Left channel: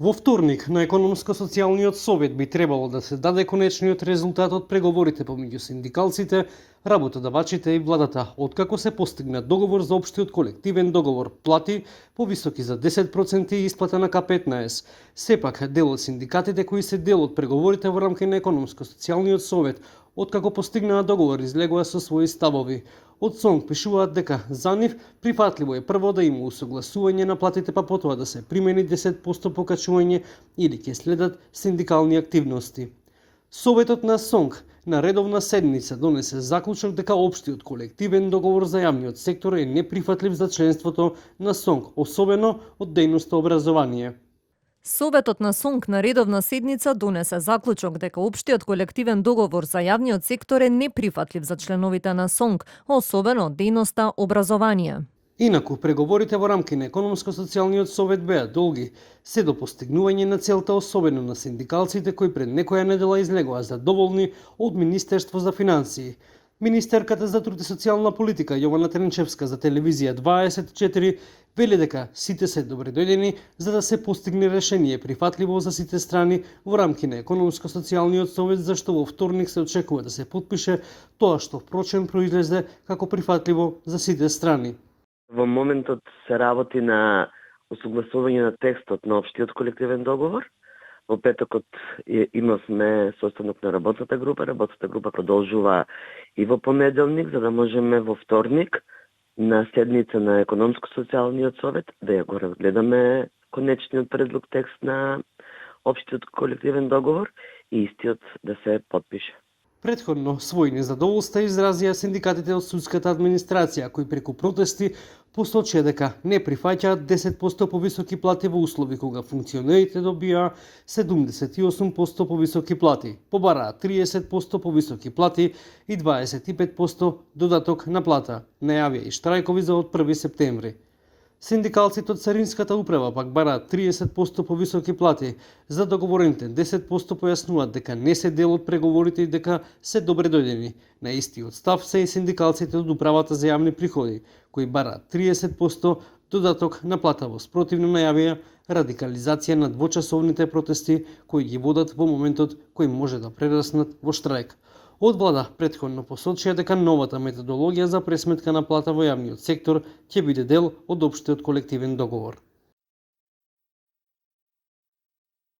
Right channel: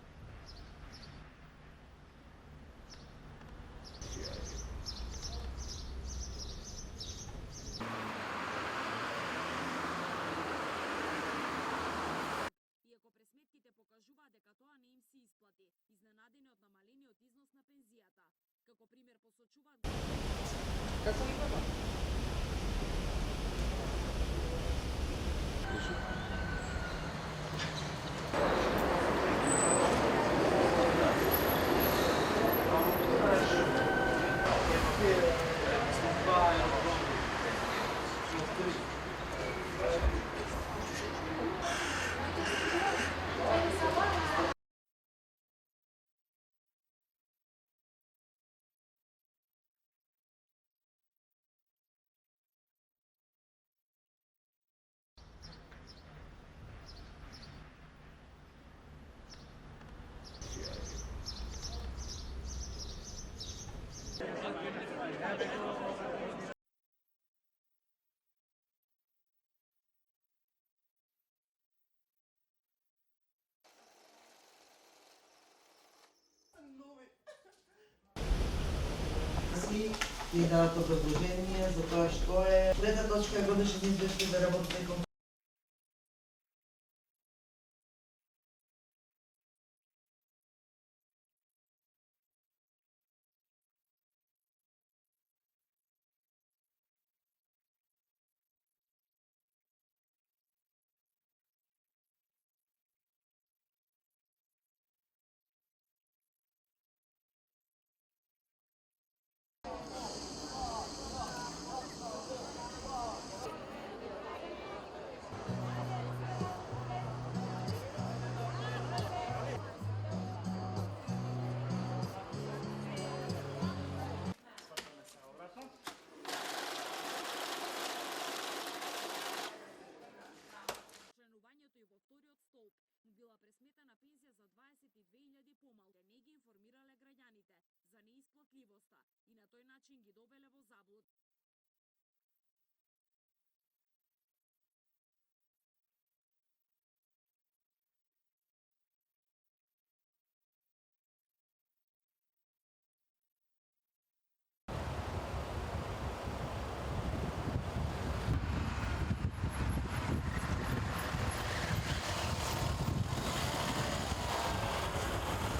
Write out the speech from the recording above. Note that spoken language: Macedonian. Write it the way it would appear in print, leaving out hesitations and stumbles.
Во вторник на Економско-социјалниот совет би требало да се даде конечниот резултат од преговорите помеѓу синдикалците, работодавачите и владата, откако се постигна договор за општиот колективен договор плати повисоки за 10% и исплата на К15. Сепак, дел од синдикатите кои се дел од преговорите во рамки на Економско-социјалниот совет, откако постигнаа договор, излегоа со своји ставови. Од СОНК пишуваат дека за нив прифатливо е прво да има усогласување на платите, па потоа да се примени 10% покачување или ќе следат синдикални активности. Советот на СОНК на редовна седмица донесе заклучок дека општиот колективен договор за јавниот сектор е неприфатлив за членството на СОНК, особено од дејноста образование. Советот на СОНК на редовна седница донесе заклучок дека општиот колективен договор за јавниот сектор е неприфатлив за членовите на СОНК, особено од дејноста образование. Инаку, преговорите во рамки на Економско-социјалниот совет беа долги, се до постигнување на целта, особено на синдикалците кои пред некоја недела излегоа задоволни од Министерство за финансии. Министерката за труд и социјална политика Јована Тренчевска за телевизија 24 вели дека сите се добредојдени за да се постигне решение прифатливо за сите страни во рамки на Економско-социјалниот совет, зашто во вторник се очекува да се подпише тоа што впрочем произлезе како прифатливо за сите страни. Во моментот се работи на усогласување на текстот на општиот колективен договор. Во петокот имавме состанок на работната група. Работната група продолжува и во понеделник, за да можеме во вторник на седница на Економско-социјалниот совет да ја го разгледаме конечниот предлог текст на општиот колективен договор и истиот да се подпише. Претходно своји незадоволства изразија синдикатите од судската администрација, кои преку протести посочија дека не прифаќаат 10% повисоки плати во услови кога функционерите добија 78% повисоки плати, побараа 30% повисоки плати и 25% додаток на плата. Најавија и штрајкови за од 1 септември. Синдикалците од Царинската управа пак бараат 30% повисоки плати. За договорените 10% појаснуваат дека не се дел од преговорите и дека се добредојдени. На истиот став се и синдикалците од управата за јавни приходи, кои бараат 30% додаток на плата во спротивно најавија радикализација на двочасовните протести кои ги водат во моментот кои може да прераснат во штрајк. Од влада претходно посочија дека новата методологија за пресметка на плата во јавниот сектор ќе биде дел од општиот колективен договор.